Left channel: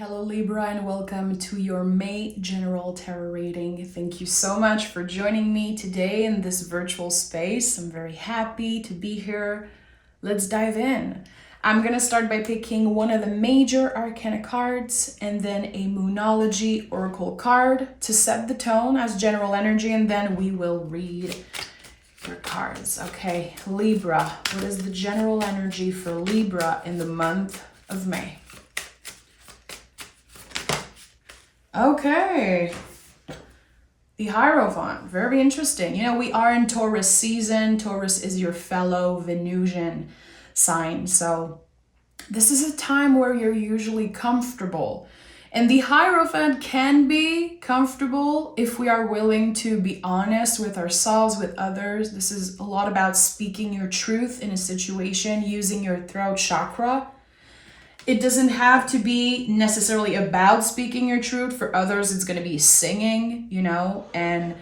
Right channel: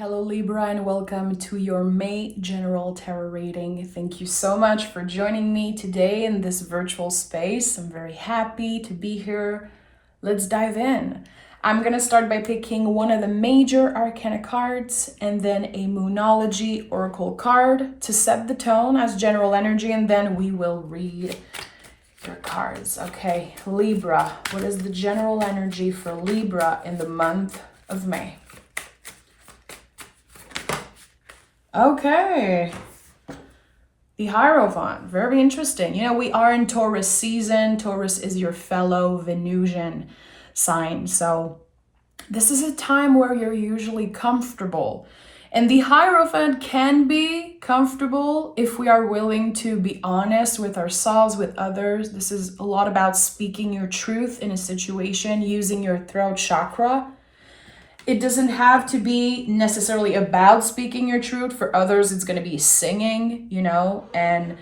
Hello Libra and welcome to your May general tarot reading. Thank you so much for joining me today in this virtual space. I'm very happy to be here. Let's dive in. I'm going to start by picking one of the major arcana cards and then a Moonology oracle card to set the tone as general energy, and then we will read your cards. Okay, Libra, what is the general energy for Libra in the month of May? Okay, the Hierophant, very interesting. You know, we are in Taurus season. Taurus is your fellow Venusian sign. So this is a time where you're usually comfortable. And the Hierophant can be comfortable if we are willing to be honest with ourselves, with others. This is a lot about speaking your truth in a situation, using your throat chakra. It doesn't have to be necessarily about speaking your truth. For others, it's going to be singing, you know, and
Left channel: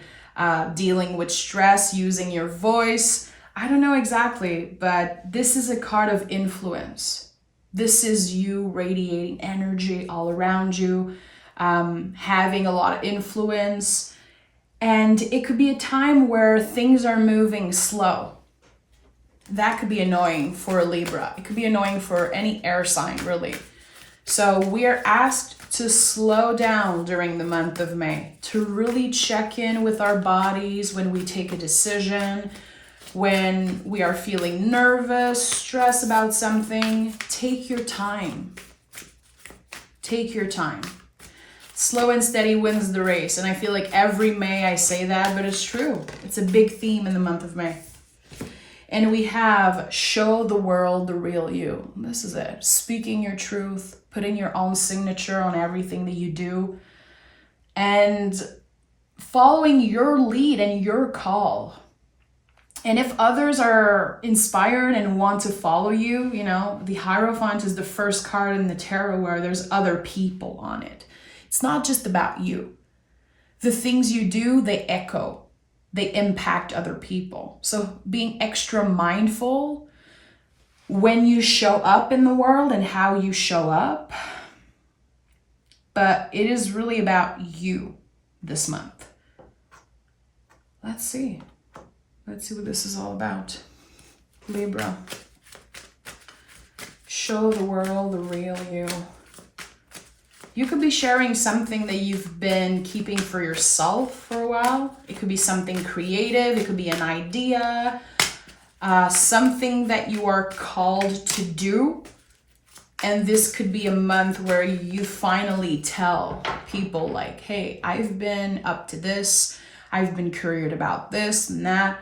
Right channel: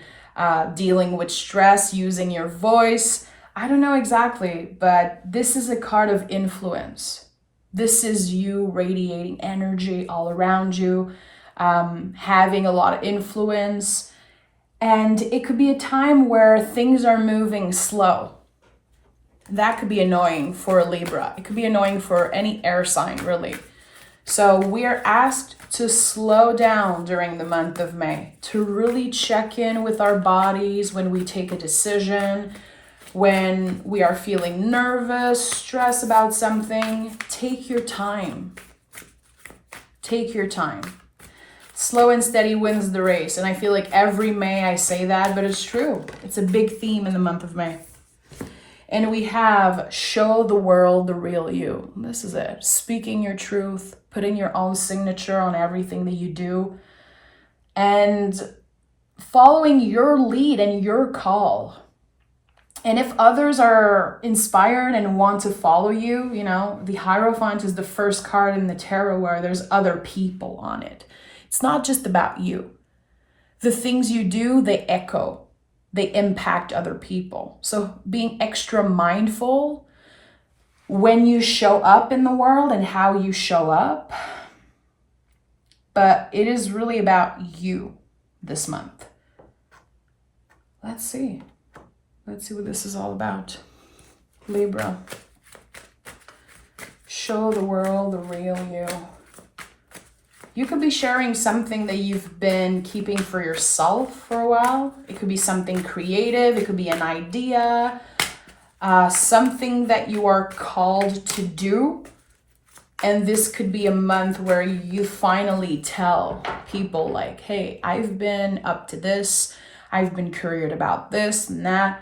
dealing with stress, using your voice. I don't know exactly, but this is a card of influence. This is you radiating energy all around you, having a lot of influence. And it could be a time where things are moving slow. That could be annoying for a Libra. It could be annoying for any air sign, really. So we are asked to slow down during the month of May, to really check in with our bodies when we take a decision, when we are feeling nervous, stressed about something. Take your time. Take your time. Slow and steady wins the race. And I feel like every May I say that, but it's true. It's a big theme in the month of May. And we have show the world the real you. This is it. Speaking your truth, putting your own signature on everything that you do, and following your lead and your call. And if others are inspired and want to follow you, you know, the Hierophant is the first card in the tarot where there's other people on it. It's not just about you. The things you do, they echo. They impact other people. So being extra mindful when you show up in the world and how you show up. But it is really about you this month. Let's see. Let's see what this is all about. Libra. Show the world the real you. You could be sharing something that you've been keeping for yourself for a while. It could be something creative. It could be an idea, something that you are called to do. And this could be a month where you finally tell people like, hey, I've been up to this. I've been curious about this and that.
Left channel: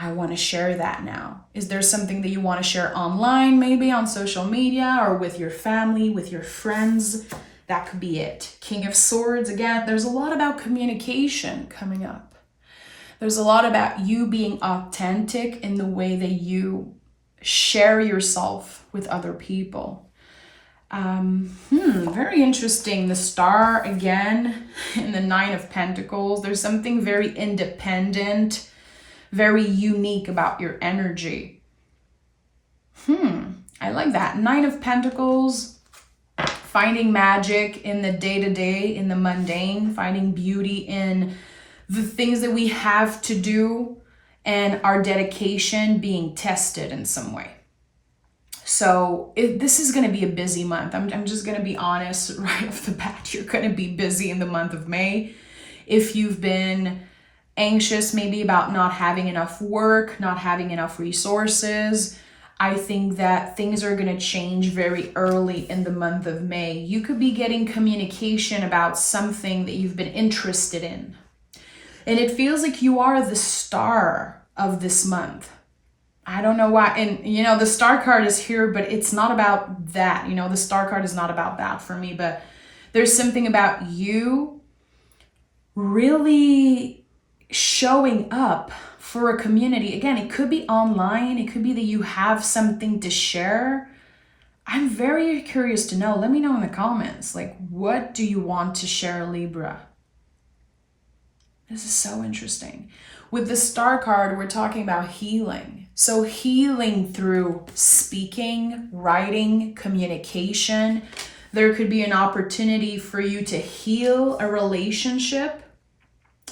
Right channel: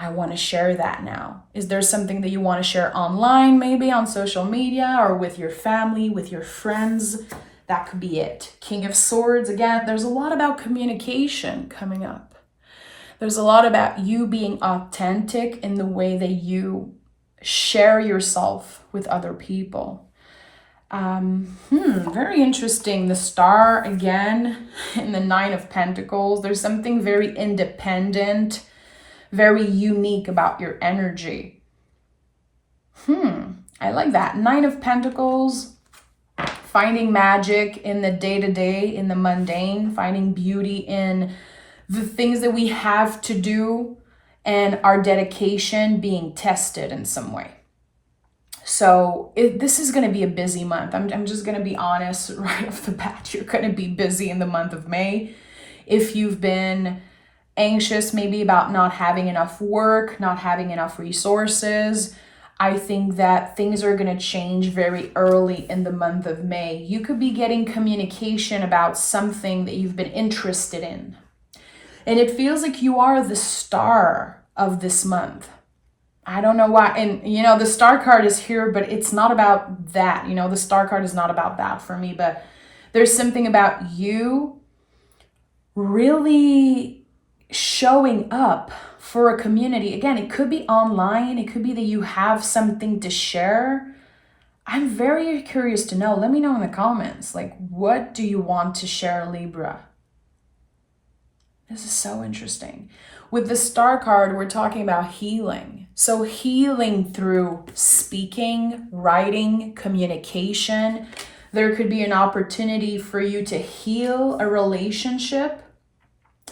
I want to share that now. Is there something that you want to share online, maybe on social media or with your family, with your friends? That could be it. King of Swords, again, there's a lot about communication coming up. There's a lot about you being authentic in the way that you share yourself with other people. Very interesting. The Star again in the Nine of Pentacles. There's something very independent, very unique about your energy. I like that. Nine of Pentacles, finding magic in the day-to-day, in the mundane, finding beauty in the things that we have to do and our dedication being tested in some way. So this is going to be a busy month. I'm just going to be honest right off the bat. You're going to be busy in the month of May. If you've been anxious maybe about not having enough work, not having enough resources, I think that things are going to change very early in the month of May. You could be getting communication about something that you've been interested in. And it feels like you are the star of this month. I don't know why. And, you know, the Star card is here, but it's not about that. You know, the Star card is not about that for me. But there's something about you really showing up for a community. Again, it could be online. It could be that you have something to share. I'm very curious to know. Let me know in the comments. Like, what do you want to share, Libra? This is so interesting. With the Star card, we're talking about healing. So healing through speaking, writing, communication. There could be an opportunity for you to heal a relationship.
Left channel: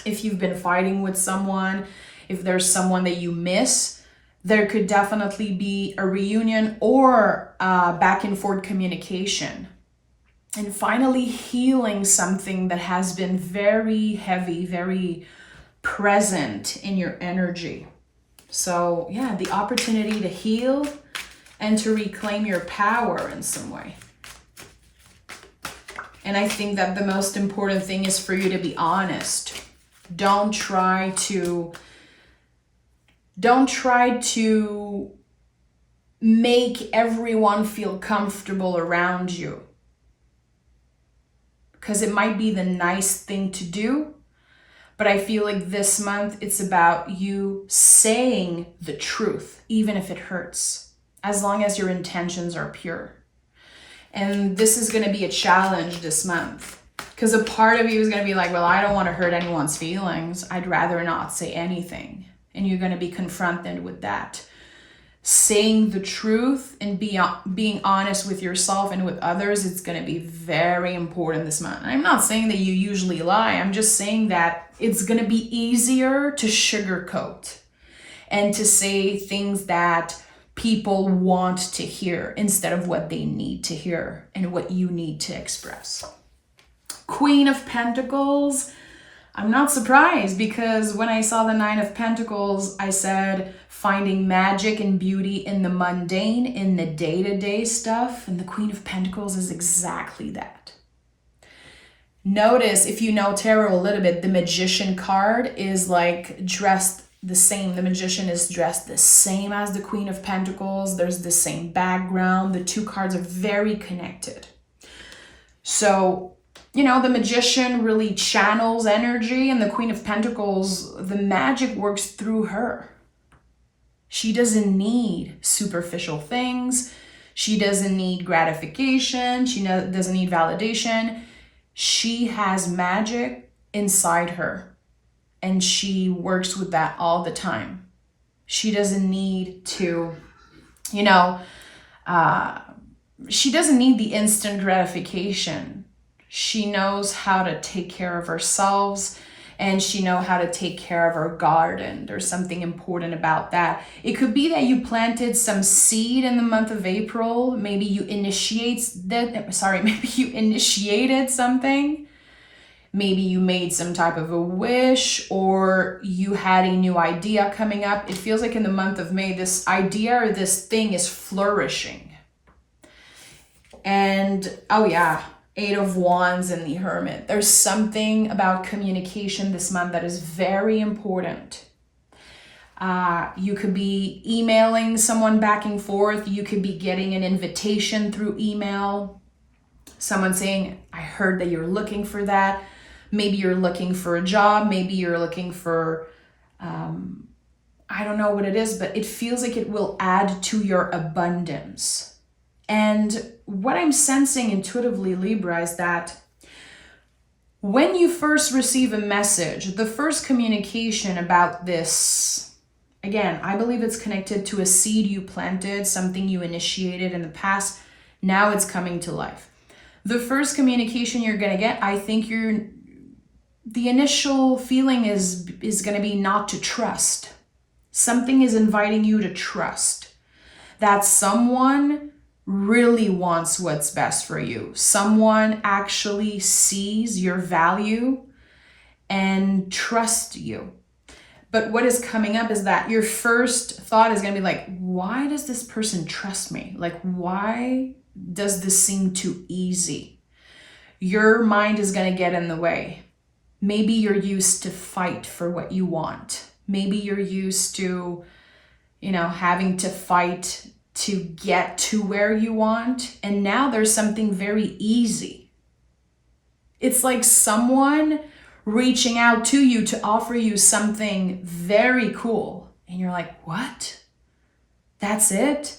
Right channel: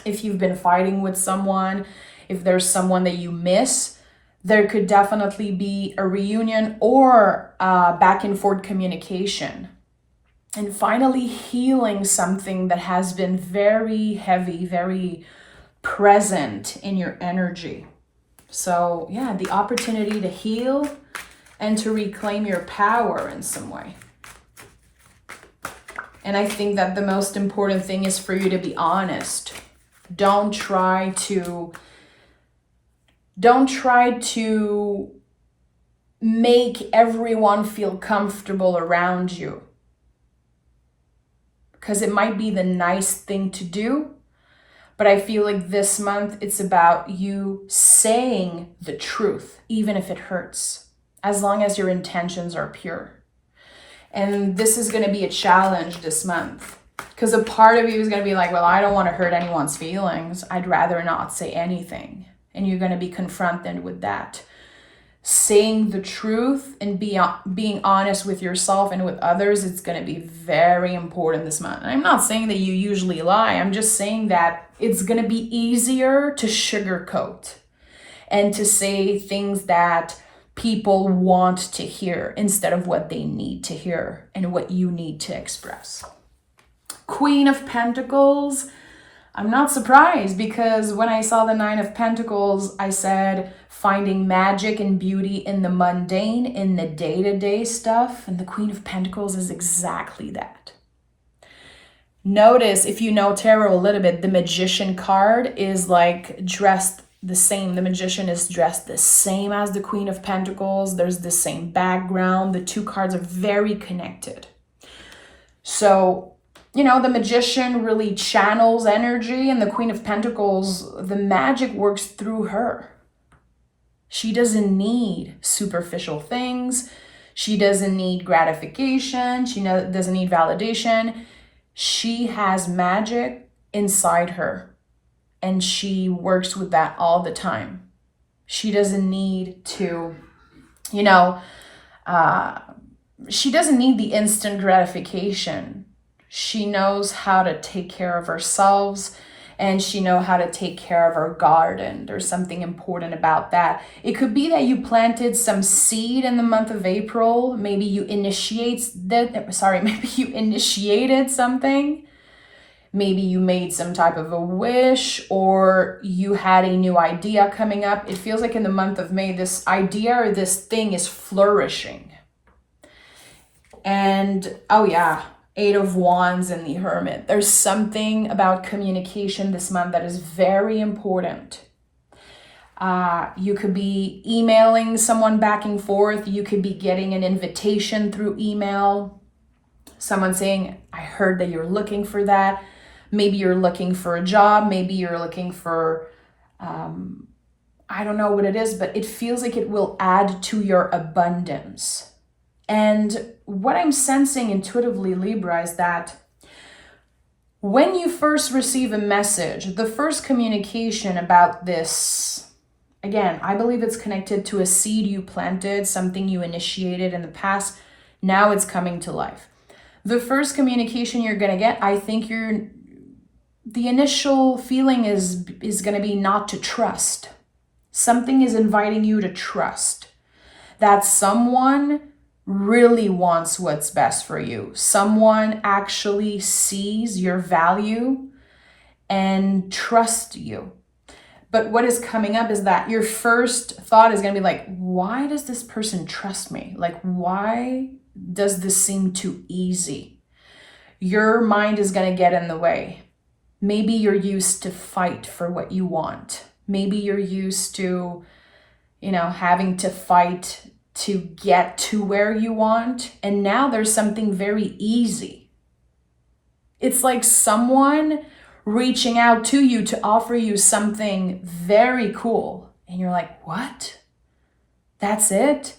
If you've been fighting with someone, if there's someone that you miss, there could definitely be a reunion or back and forth communication. And finally, healing something that has been very heavy, very present in your energy. So yeah, the opportunity to heal and to reclaim your power in some way. And I think that the most important thing is for you to be honest. Don't try to make everyone feel comfortable around you. Because it might be the nice thing to do, but I feel like this month it's about you saying the truth, even if it hurts, as long as your intentions are pure. And this is going to be a challenge this month, because a part of you is going to be like, well, I don't want to hurt anyone's feelings. I'd rather not say anything. And you're going to be confronted with that. Saying the truth and being honest with yourself and with others, it's going to be very important this month. And I'm not saying that you usually lie. I'm just saying that it's going to be easier to sugarcoat and to say things that people want to hear instead of what they need to hear and what you need to express. Queen of Pentacles. I'm not surprised, because when I saw the Nine of Pentacles, I said finding magic and beauty in the mundane, in the day-to-day stuff. And the Queen of Pentacles is exactly that. Notice, if you know tarot a little bit, the Magician card is like dressed the same. The Magician is dressed the same as the Queen of Pentacles. There's the same background. The two cards are very connected. So, you know, the Magician really channels energy, and the Queen of Pentacles, the magic works through her. She doesn't need superficial things. She doesn't need gratification. She doesn't need validation. She has magic inside her, and she works with that all the time. She doesn't need to, she doesn't need the instant gratification. She knows how to take care of herself, and she knows how to take care of her garden. There's something important about that. It could be that you planted some seed in the month of April. Maybe you initiated something. Maybe you made some type of a wish, or you had a new idea coming up. It feels like in the month of May, this idea or this thing is flourishing. And, oh yeah, Eight of Wands and the Hermit. There's something about communication this month that is very important. You could be emailing someone back and forth. You could be getting an invitation through email. Someone saying, I heard that you're looking for that. Maybe you're looking for a job. Maybe you're looking for, I don't know what it is, but it feels like it will add to your abundance. And what I'm sensing intuitively, Libra, is that when you first receive a message, the first communication about this, again, I believe it's connected to a seed you planted, something you initiated in the past. Now it's coming to life. The first communication you're going to get, I think the initial feeling is going to be not to trust. Something is inviting you to trust that someone really wants what's best for you. Someone actually sees your value and trusts you. But what is coming up is that your first thought is going to be like, why does this person trust me? Like, why does this seem too easy? Your mind is going to get in the way. Maybe you're used to fight for what you want. Maybe you're used to, having to fight to get to where you want. And now there's something very easy. It's like someone reaching out to you to offer you something very cool. And you're like, what? That's it?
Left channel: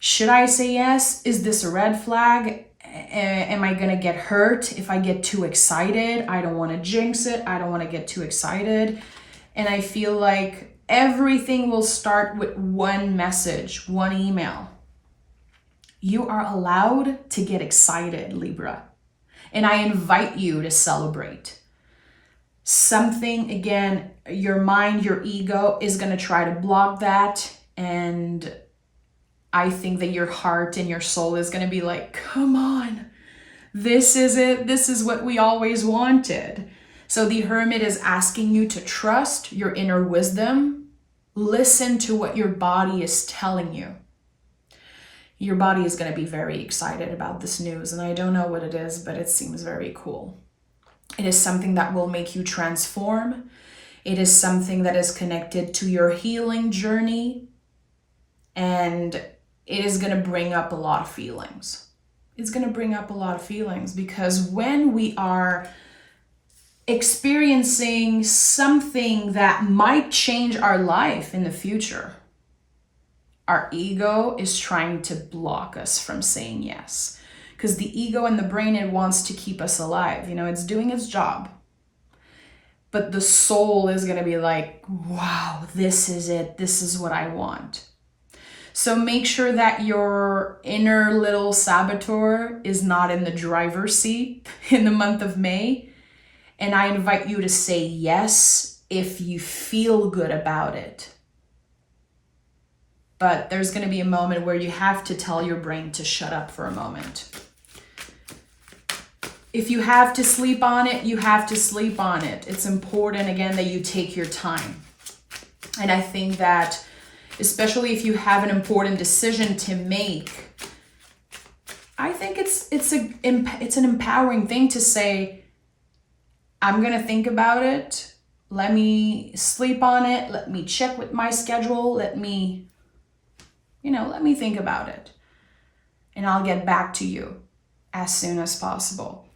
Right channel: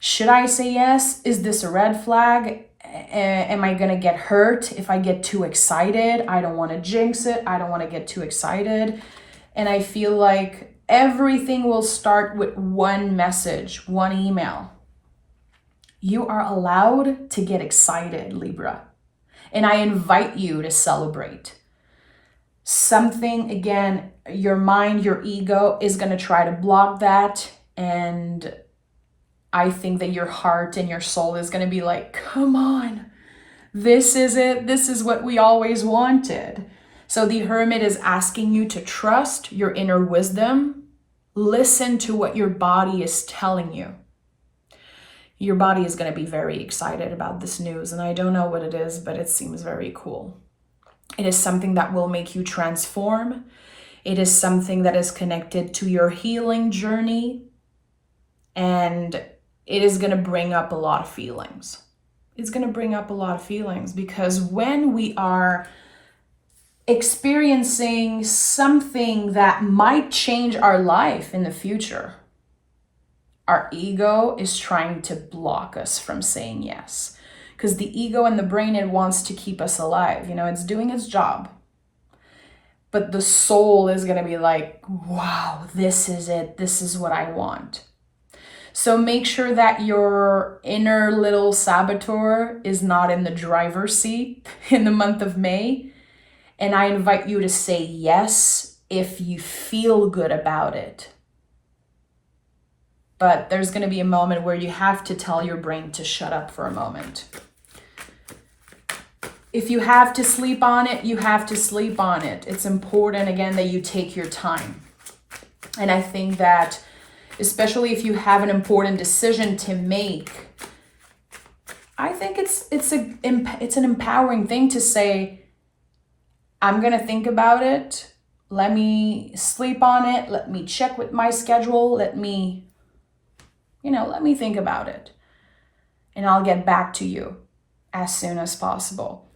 Should I say yes? Is this a red flag? Am I going to get hurt if I get too excited? I don't want to jinx it. I don't want to get too excited. And I feel like everything will start with one message, one email. You are allowed to get excited, Libra. And I invite you to celebrate. Something, again, your mind, your ego is going to try to block that. And I think that your heart and your soul is going to be like, come on, this is it. This is what we always wanted. So the Hermit is asking you to trust your inner wisdom. Listen to what your body is telling you. Your body is going to be very excited about this news, and I don't know what it is, but it seems very cool. It is something that will make you transform. It is something that is connected to your healing journey, and it is going to bring up a lot of feelings. It's going to bring up a lot of feelings because when we are experiencing something that might change our life in the future, our ego is trying to block us from saying yes. Because the ego and the brain, it wants to keep us alive. You know, it's doing its job. But the soul is going to be like, wow, this is it. This is what I want. So make sure that your inner little saboteur is not in the driver's seat in the month of May. And I invite you to say yes if you feel good about it. But there's going to be a moment where you have to tell your brain to shut up for a moment. If you have to sleep on it, you have to sleep on it. It's important, again, that you take your time. And I think that, especially if you have an important decision to make, I think it's an empowering thing to say, I'm going to think about it. Let me sleep on it. Let me check with my schedule. Let me think about it. And I'll get back to you as soon as possible.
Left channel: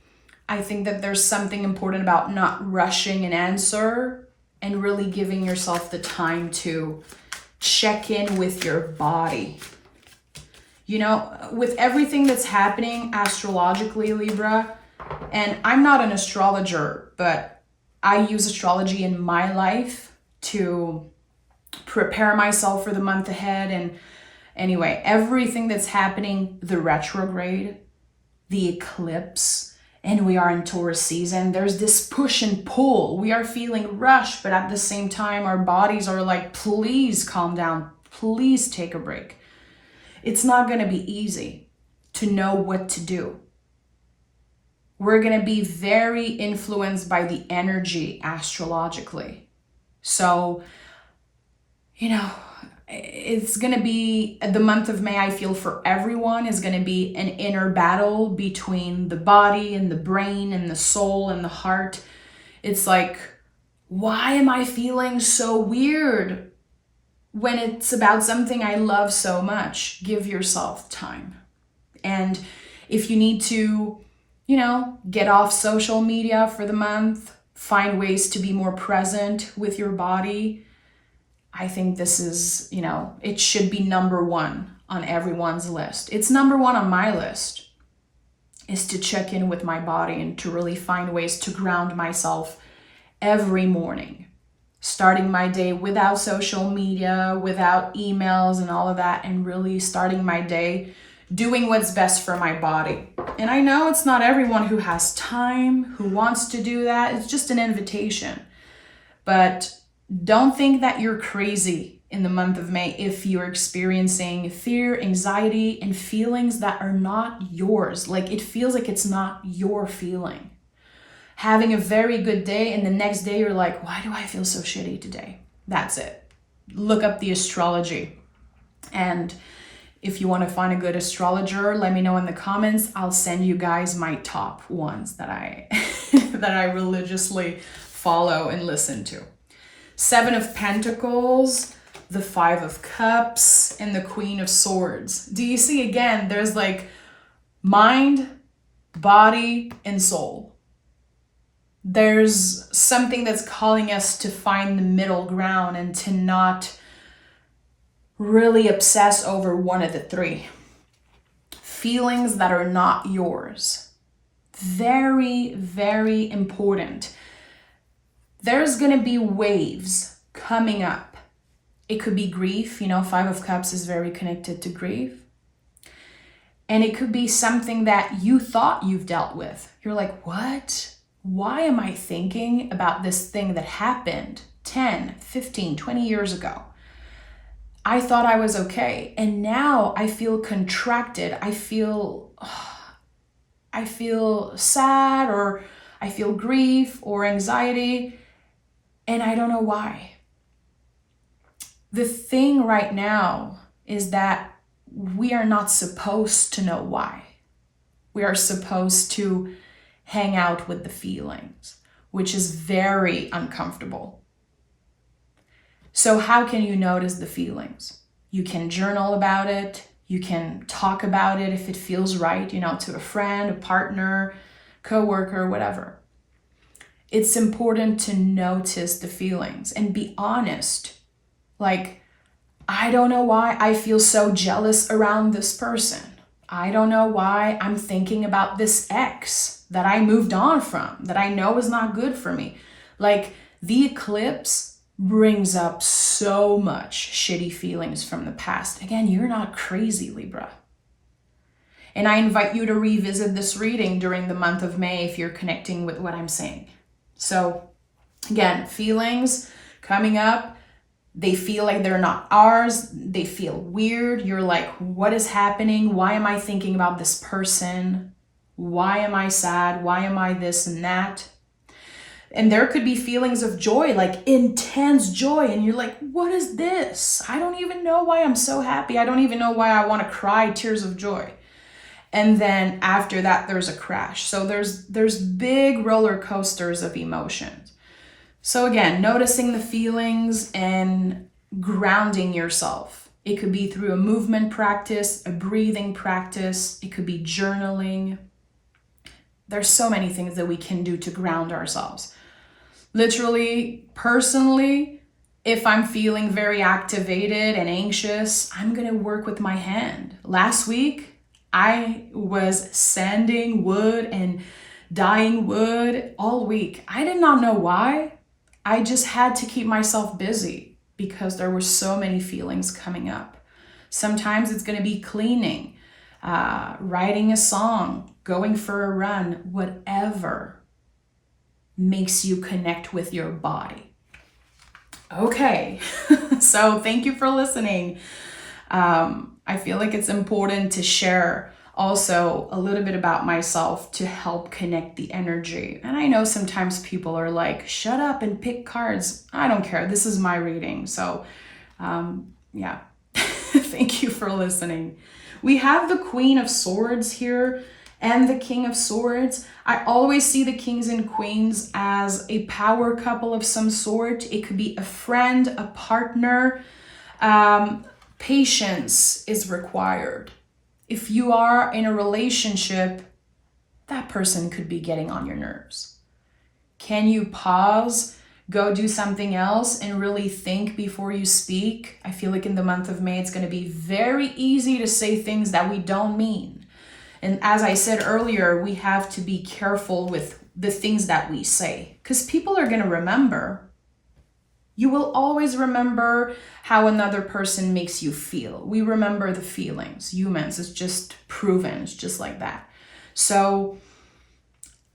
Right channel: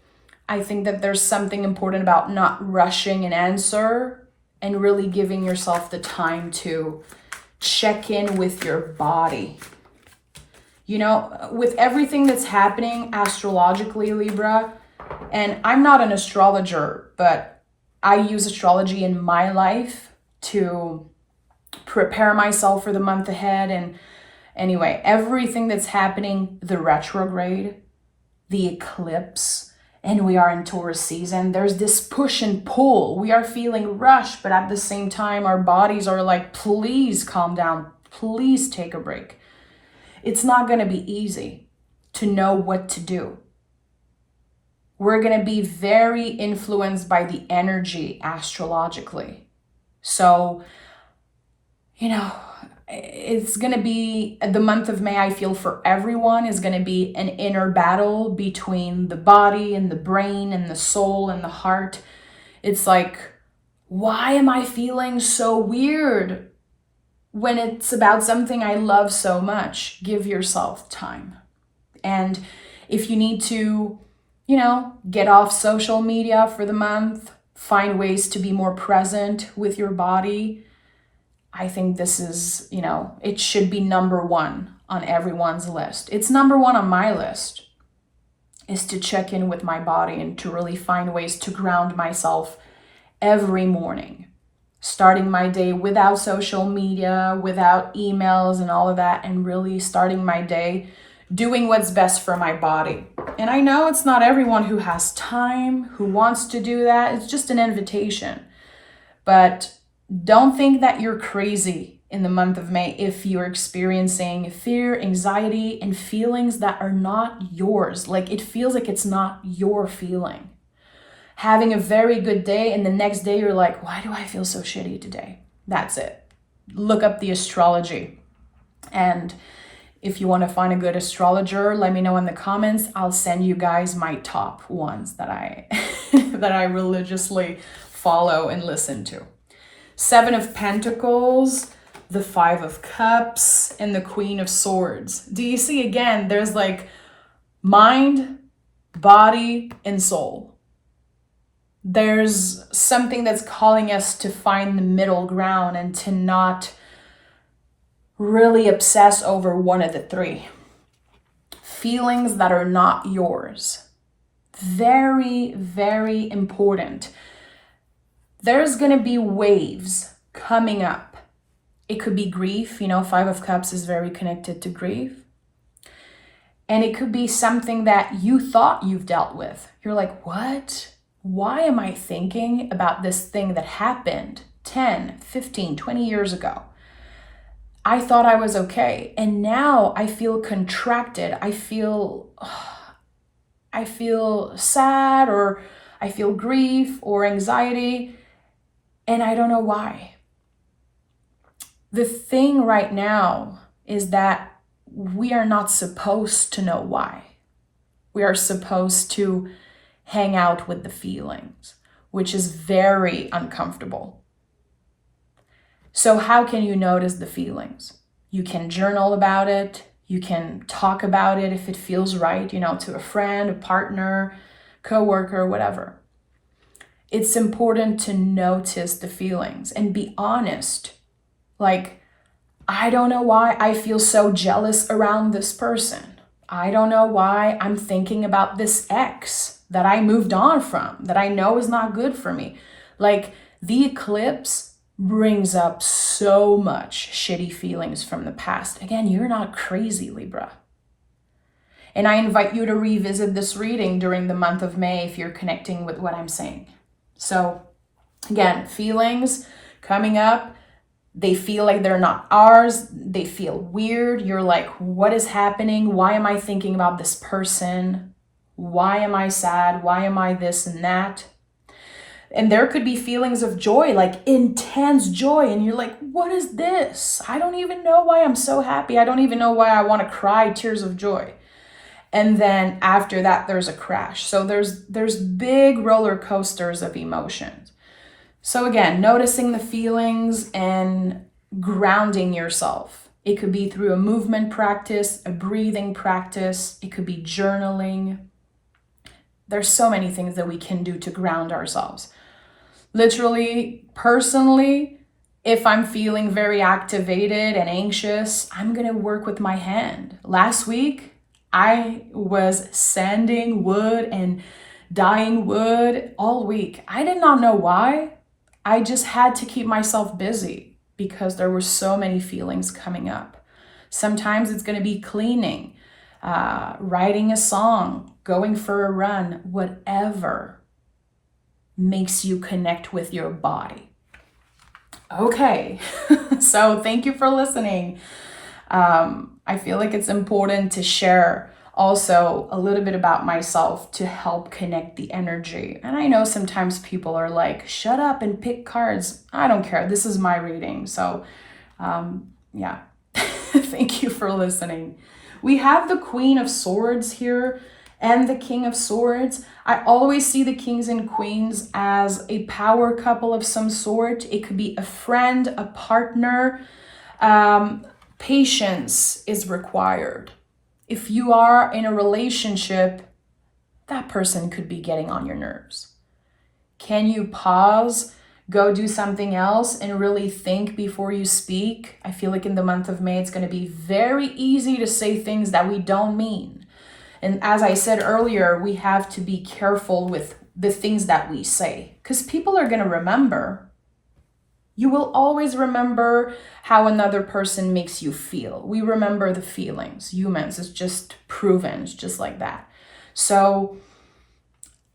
I think that there's something important about not rushing an answer and really giving yourself the time to check in with your body. You know, with everything that's happening astrologically, Libra, and I'm not an astrologer, but I use astrology in my life to prepare myself for the month ahead. And anyway, everything that's happening, the retrograde, the eclipse, and we are in Taurus season, there's this push and pull. We are feeling rushed, but at the same time, our bodies are like, please calm down. Please take a break. It's not going to be easy to know what to do. We're going to be very influenced by the energy astrologically. So, you know, it's going to be, the month of May, I feel for everyone, is going to be an inner battle between the body and the brain and the soul and the heart. It's like, why am I feeling so weird when it's about something I love so much? Give yourself time. And if you need to, you know, get off social media for the month, find ways to be more present with your body, I think this is, you know, it should be number one on everyone's list. It's number one on my list, is to check in with my body and to really find ways to ground myself every morning. Starting my day without social media, without emails and all of that, and really starting my day doing what's best for my body. And I know it's not everyone who has time, who wants to do that. It's just an invitation. But don't think that you're crazy in the month of May if you're experiencing fear, anxiety, and feelings that are not yours. Like, it feels like it's not your feeling. Having a very good day and the next day you're like, why do I feel so shitty today? That's it. Look up the astrology. And if you want to find a good astrologer, let me know in the comments. I'll send you guys my top ones that I that I religiously follow and listen to. 7 of Pentacles, the 5 of Cups, and the Queen of Swords. Do you see, again, there's like mind, body, and soul. There's something that's calling us to find the middle ground and to not really obsess over one of the 3. Feelings that are not yours. Very, very important. There's going to be waves coming up. It could be grief. You know, 5 of Cups is very connected to grief. And it could be something that you thought you've dealt with. You're like, what? Why am I thinking about this thing that happened 10, 15, 20 years ago? I thought I was okay. And now I feel contracted. I feel sad, or I feel grief or anxiety, and I don't know why. The thing right now is that we are not supposed to know why. We are supposed to hang out with the feelings, which is very uncomfortable. So how can you notice the feelings? You can journal about it. You can talk about it if it feels right, to a friend, a partner, coworker, whatever. It's important to notice the feelings and be honest. Like, I don't know why I feel so jealous around this person. I don't know why I'm thinking about this ex that I moved on from, that I know is not good for me. Like, the eclipse brings up so much shitty feelings from the past. Again, you're not crazy, Libra. And I invite you to revisit this reading during the month of May if you're connecting with what I'm saying. So again, feelings coming up, they feel like they're not ours. They feel weird. You're like, what is happening? Why am I thinking about this person? Why am I sad? Why am I this and that? And there could be feelings of joy, like intense joy. And you're like, what is this? I don't even know why I'm so happy. I don't even know why I want to cry tears of joy. And then after that, there's a crash. So there's big roller coasters of emotions. So again, noticing the feelings and grounding yourself. It could be through a movement practice, a breathing practice. It could be journaling. There's so many things that we can do to ground ourselves. Literally, personally, if I'm feeling very activated and anxious, I'm going to work with my hand. Last week, I was sanding wood and dyeing wood all week. I did not know why. I just had to keep myself busy because there were so many feelings coming up. Sometimes it's going to be cleaning, writing a song, going for a run, whatever makes you connect with your body. Okay, so thank you for listening. I feel like it's important to share also a little bit about myself to help connect the energy. And I know sometimes people are like, shut up and pick cards. I don't care. This is my reading. So yeah, thank you for listening. We have the Queen of Swords here and the King of Swords. I always see the kings and queens as a power couple of some sort. It could be a friend, a partner. Patience is required. If you are in a relationship, that person could be getting on your nerves. Can you pause, go do something else, and really think before you speak? I feel like in the month of May, it's going to be very easy to say things that we don't mean. And as I said earlier, we have to be careful with the things that we say, because people are going to remember. You will always remember how another person makes you feel. We remember the feelings. Humans, it's just proven. It's just like that. So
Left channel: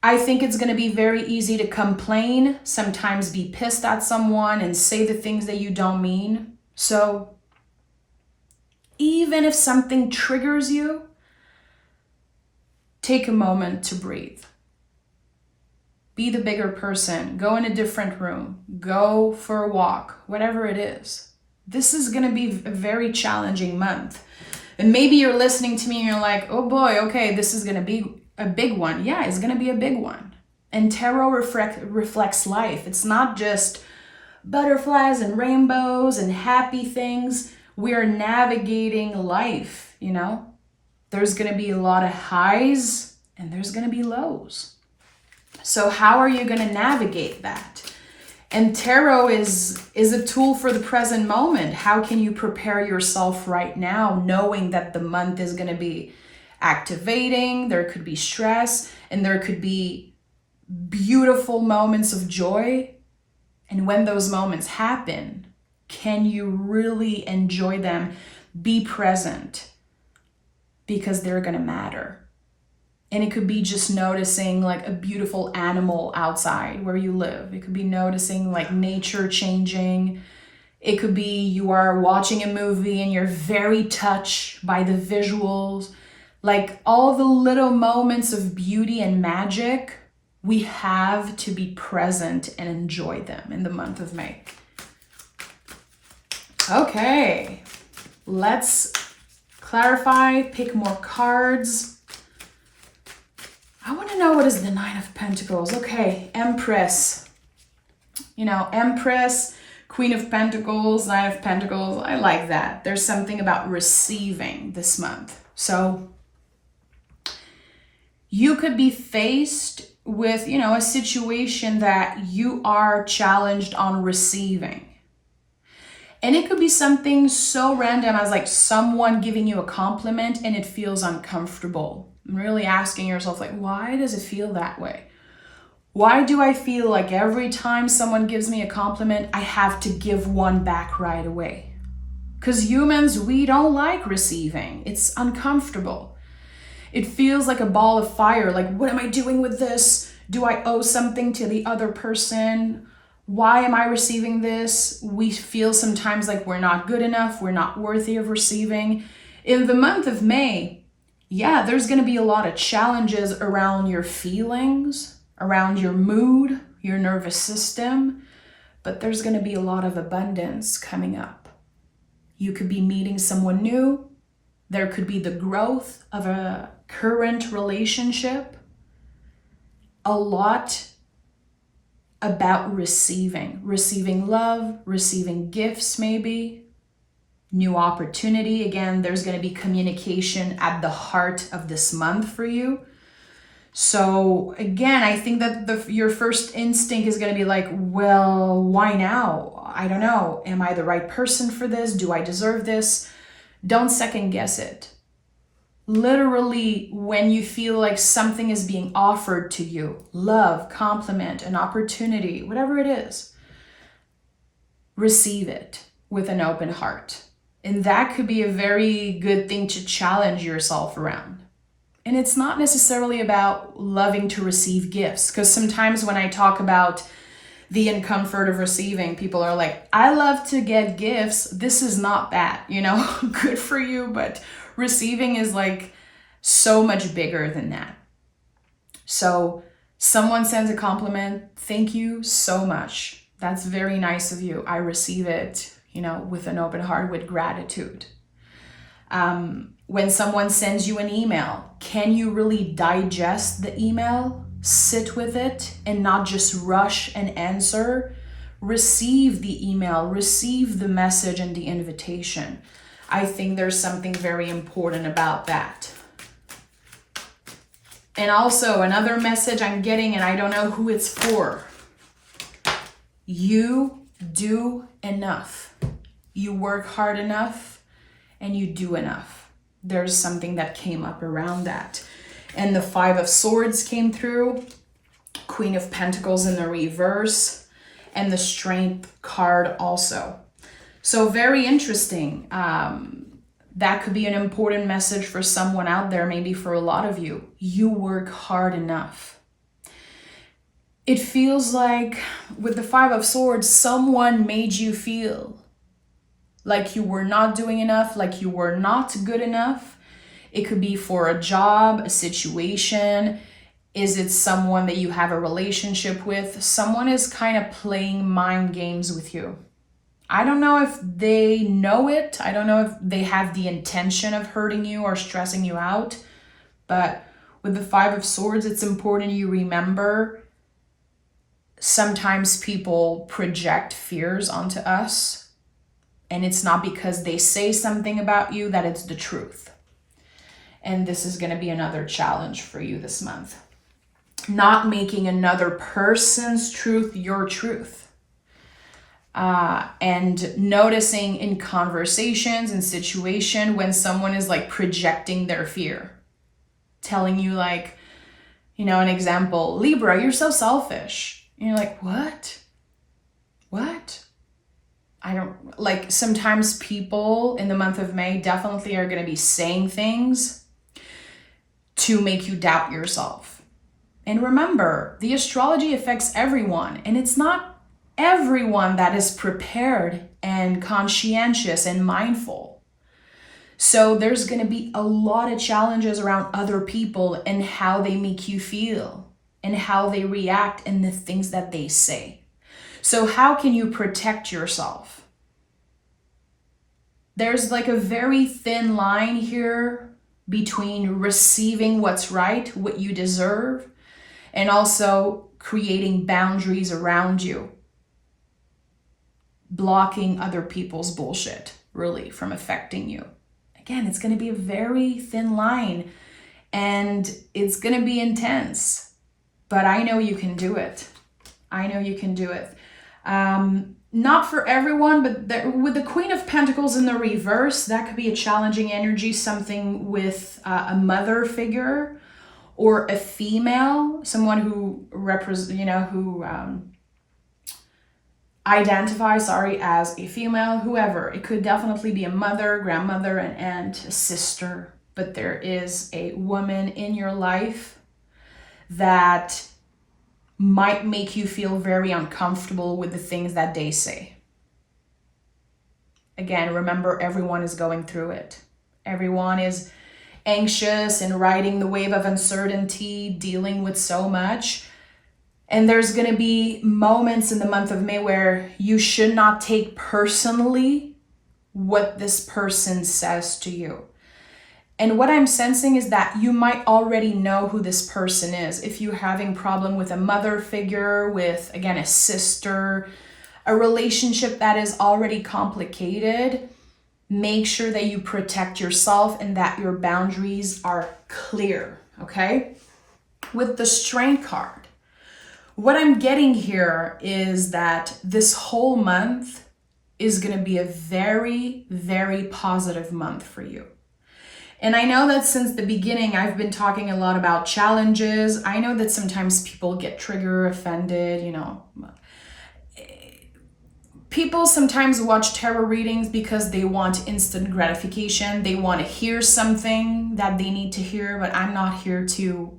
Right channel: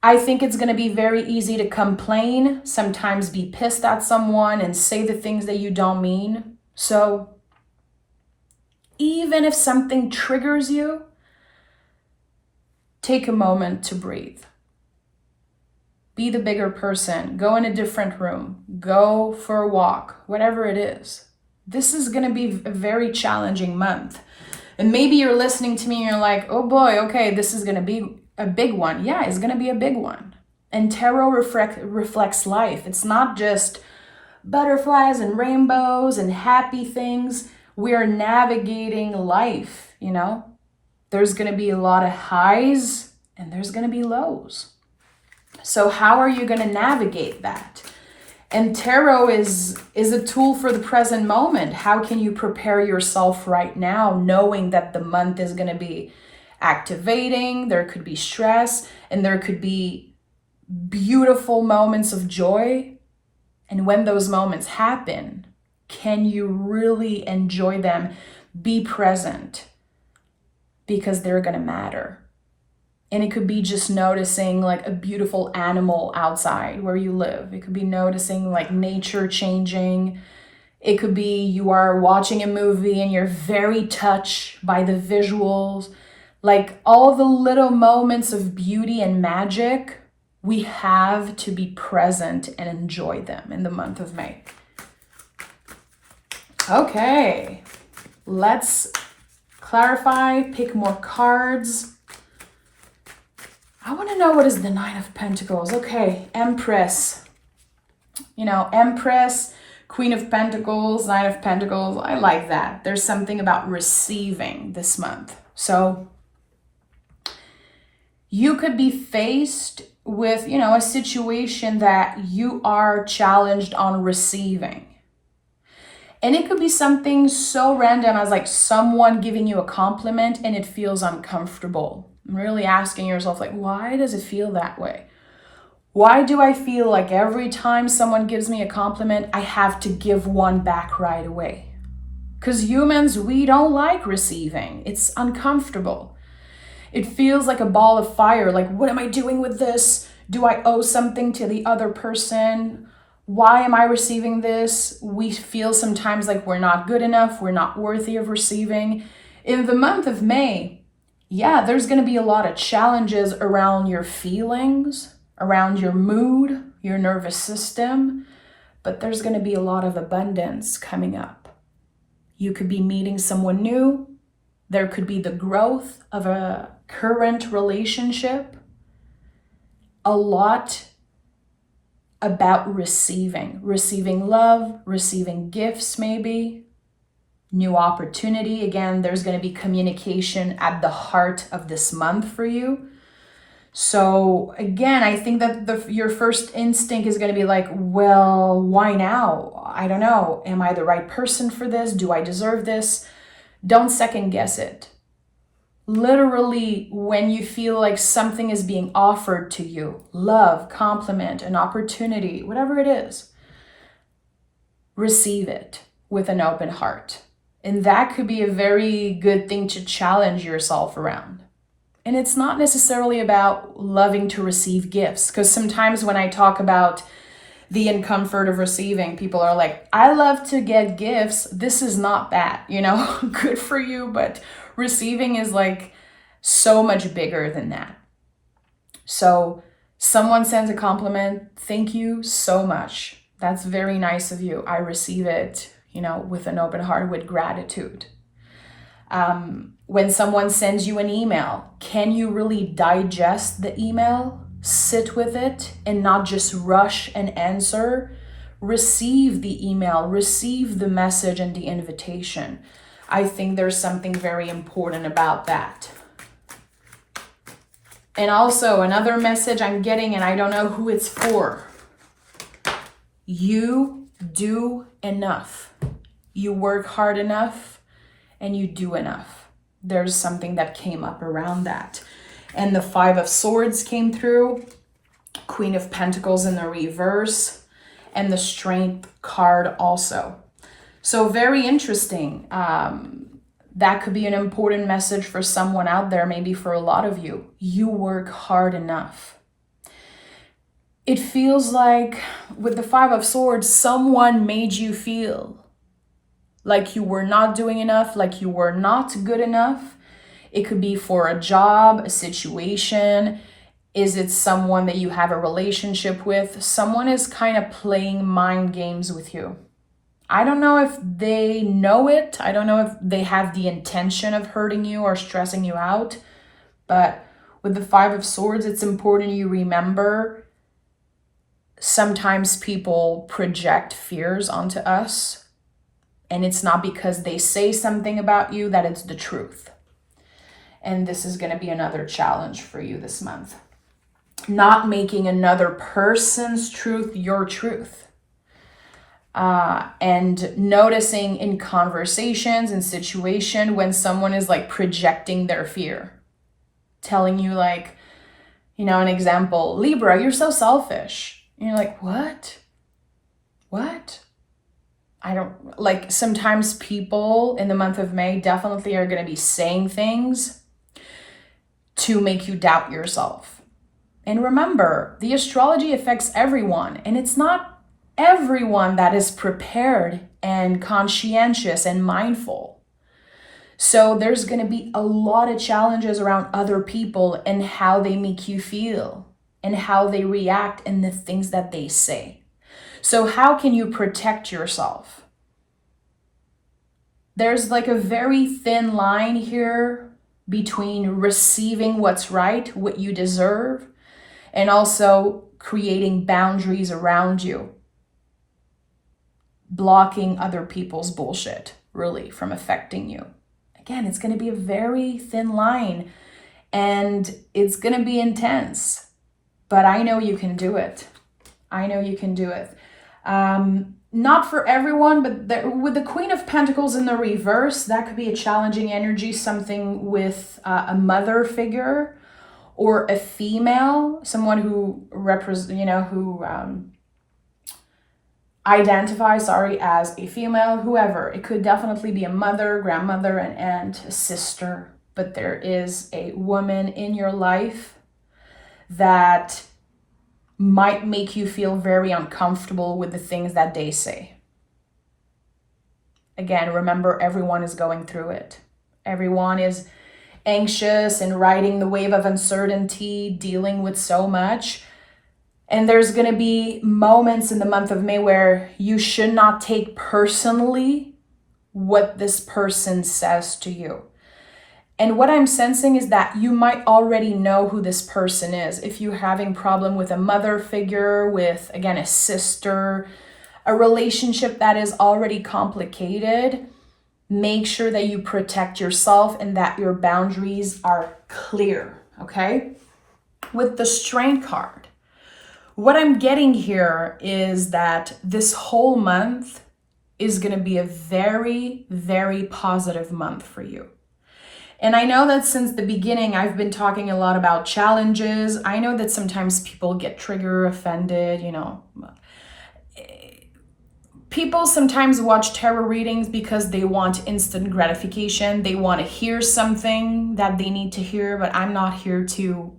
I think it's going to be very easy to complain, sometimes be pissed at someone and say the things that you don't mean. So even if something triggers you, take a moment to breathe. Be the bigger person. Go in a different room. Go for a walk, whatever it is. This is going to be a very challenging month. And maybe you're listening to me and you're like, oh boy, okay, this is going to be a big one. Yeah, it's going to be a big one. And tarot reflects life. It's not just butterflies and rainbows and happy things. We are navigating life, There's going to be a lot of highs and there's going to be lows. So how are you going to navigate that? And tarot is a tool for the present moment. How can you prepare yourself right now, knowing that the month is going to be activating, there could be stress, and there could be beautiful moments of joy. And when those moments happen, can you really enjoy them? Be present. because they're going to matter. And it could be just noticing like a beautiful animal outside where you live. It could be noticing like nature changing. It could be you are watching a movie and you're very touched by the visuals. Like all the little moments of beauty and magic, we have to be present and enjoy them in the month of May. Okay, let's clarify, pick more cards. I want to know, what is the Nine of Pentacles? Okay, Empress. You know, Empress, Queen of Pentacles, Nine of Pentacles. I like that. There's something about receiving this month. So you could be faced with, you know, a situation that you are challenged on receiving. And it could be something so random as like someone giving you a compliment and it feels uncomfortable. Really asking yourself, like, why does it feel that way? Why do I feel like every time someone gives me a compliment, I have to give one back right away? Because humans, we don't like receiving. It's uncomfortable. It feels like a ball of fire. Like, what am I doing with this? Do I owe something to the other person? Why am I receiving this? We feel sometimes like we're not good enough. We're not worthy of receiving. In the month of May, yeah, there's going to be a lot of challenges around your feelings, around your mood, your nervous system, but there's going to be a lot of abundance coming up. You could be meeting someone new. There could be the growth of a current relationship. A lot about receiving love, receiving gifts maybe. New opportunity. Again, there's going to be communication at the heart of this month for you. So again, I think that your first instinct is going to be like, well, why now? I don't know. Am I the right person for this? Do I deserve this? Don't second guess it. Literally, when you feel like something is being offered to you, love, compliment, an opportunity, whatever it is, receive it with an open heart. And that could be a very good thing to challenge yourself around. And it's not necessarily about loving to receive gifts, because sometimes when I talk about the discomfort of receiving, people are like, I love to get gifts. This is not bad, you know, good for you. But receiving is like so much bigger than that. So someone sends a compliment. Thank you so much. That's very nice of you. I receive it, you know, with an open heart, with gratitude. When someone sends you an email, can you really digest the email, sit with it, and not just rush and answer? Receive the email, receive the message and the invitation. I think there's something very important about that. And also another message I'm getting, and I don't know who it's for. You do enough. You work hard enough and you do enough. There's something that came up around that. And the Five of Swords came through, Queen of Pentacles in the reverse, and the Strength card also. So very interesting. That could be an important message for someone out there, maybe for a lot of you. You work hard enough. It feels like with the Five of Swords, someone made you feel like you were not doing enough, like you were not good enough. It could be for a job, a situation. Is it someone that you have a relationship with? Someone is kind of playing mind games with you. I don't know if they know it. I don't know if they have the intention of hurting you or stressing you out. But with the Five of Swords, it's important you remember sometimes people project fears onto us. And it's not because they say something about you that it's the truth. And this is going to be another challenge for you this month. Not making another person's truth your truth. And noticing in conversations and situation when someone is like projecting their fear. Telling you like, you know, an example, Libra, you're so selfish. And you're like, what? What? I don't, like sometimes people in the month of May definitely are going to be saying things to make you doubt yourself. And remember, the astrology affects everyone, and it's not everyone that is prepared and conscientious and mindful. So there's going to be a lot of challenges around other people and how they make you feel and how they react and the things that they say. So how can you protect yourself? There's like a very thin line here between receiving what's right, what you deserve, and also creating boundaries around you, blocking other people's bullshit, really, from affecting you. Again, it's going to be a very thin line, and it's going to be intense, but I know you can do it. I know you can do it. Not for everyone, but with the Queen of Pentacles in the reverse, that could be a challenging energy, something with a mother figure or a female, someone who identifies, as a female, whoever. It could definitely be a mother, grandmother, an aunt, a sister, but there is a woman in your life that might make you feel very uncomfortable with the things that they say. Again, remember, everyone is going through it. Everyone is anxious and riding the wave of uncertainty, dealing with so much. And there's going to be moments in the month of May where you should not take personally what this person says to you. And what I'm sensing is that you might already know who this person is. If you're having problem with a mother figure, with, again, a sister, a relationship that is already complicated, make sure that you protect yourself and that your boundaries are clear, okay? With the Strength card, what I'm getting here is that this whole month is going to be a very, very positive month for you. And I know that since the beginning, I've been talking a lot about challenges. I know that sometimes people get triggered, offended, People sometimes watch tarot readings because they want instant gratification. They want to hear something that they need to hear, but I'm not here to,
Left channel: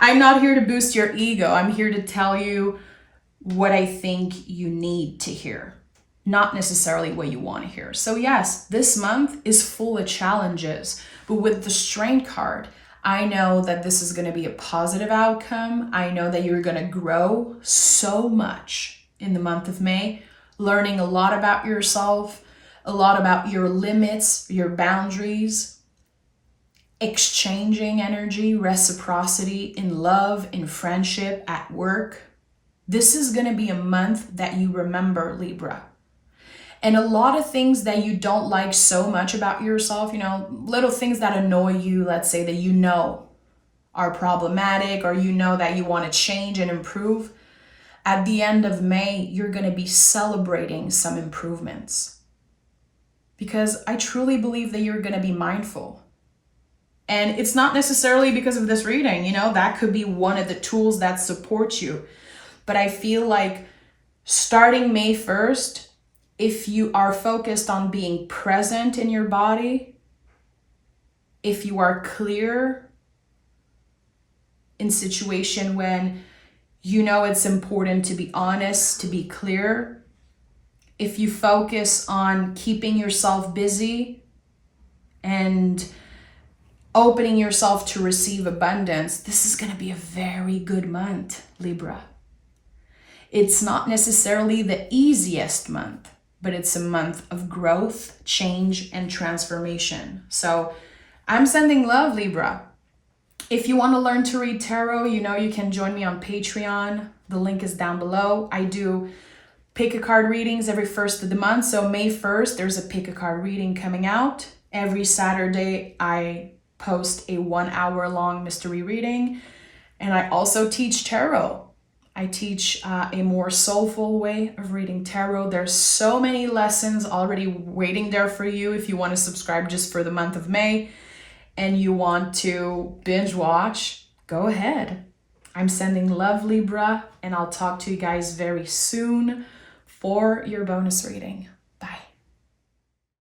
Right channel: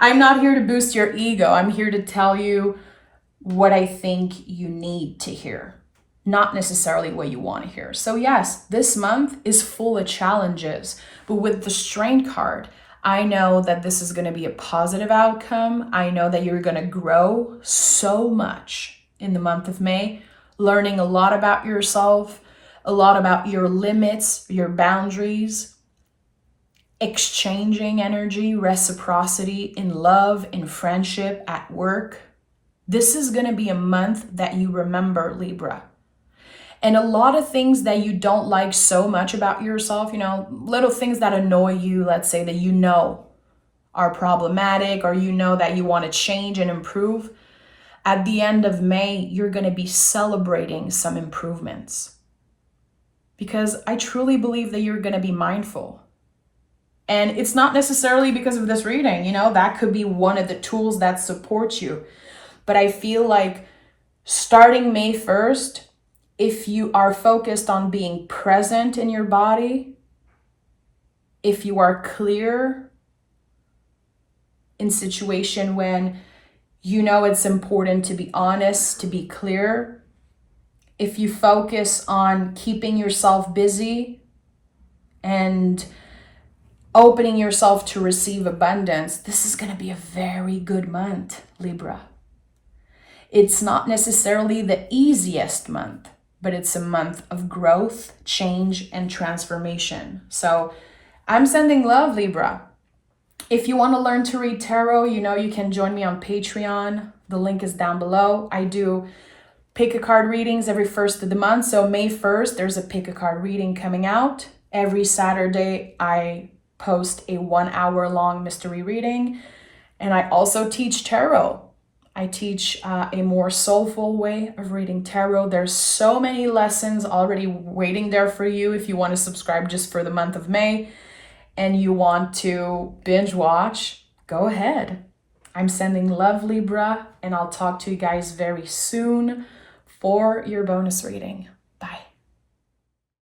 I'm not here to boost your ego. I'm here to tell you what I think you need to hear, not necessarily what you want to hear. So yes, this month is full of challenges, but with the Strength card, I know that this is going to be a positive outcome. I know that you're going to grow so much in the month of May, learning a lot about yourself, a lot about your limits, your boundaries, exchanging energy, reciprocity in love, in friendship, at work. This is going to be a month that you remember, Libra. And a lot of things that you don't like so much about yourself, little things that annoy you, let's say that are problematic, or that you want to change and improve. At the end of May, you're going to be celebrating some improvements. Because I truly believe that you're going to be mindful. And it's not necessarily because of this reading, that could be one of the tools that supports you. But I feel like starting May 1st, if you are focused on being present in your body, if you are clear in situation when it's important to be honest, to be clear, if you focus on keeping yourself busy and opening yourself to receive abundance, this is going to be a very good month, Libra. It's not necessarily the easiest month, but it's a month of growth, change, and transformation. So I'm sending love, Libra. If you want to learn to read tarot, you can join me on Patreon. The link is down below. I do pick a card readings every first of the month. So May 1st, there's a pick a card reading coming out. Every Saturday, I post a 1 hour long mystery reading. And I also teach tarot. I teach a more soulful way of reading tarot. There's so many lessons already waiting there for you if you want to subscribe just for the month of May and you want to binge watch, go ahead. I'm sending love, Libra, and I'll talk to you guys very soon for your bonus reading.